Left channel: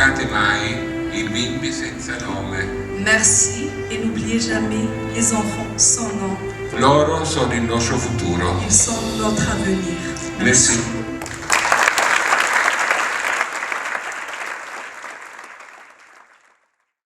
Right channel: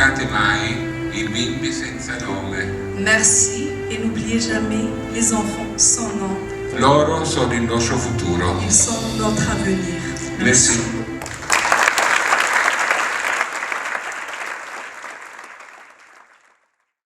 dimenticate mai i bimbi senza nome. Merci et n'oubliez jamais les enfants sans nom. Loro sono il nostro futuro. Ils sont notre avenir. Merci.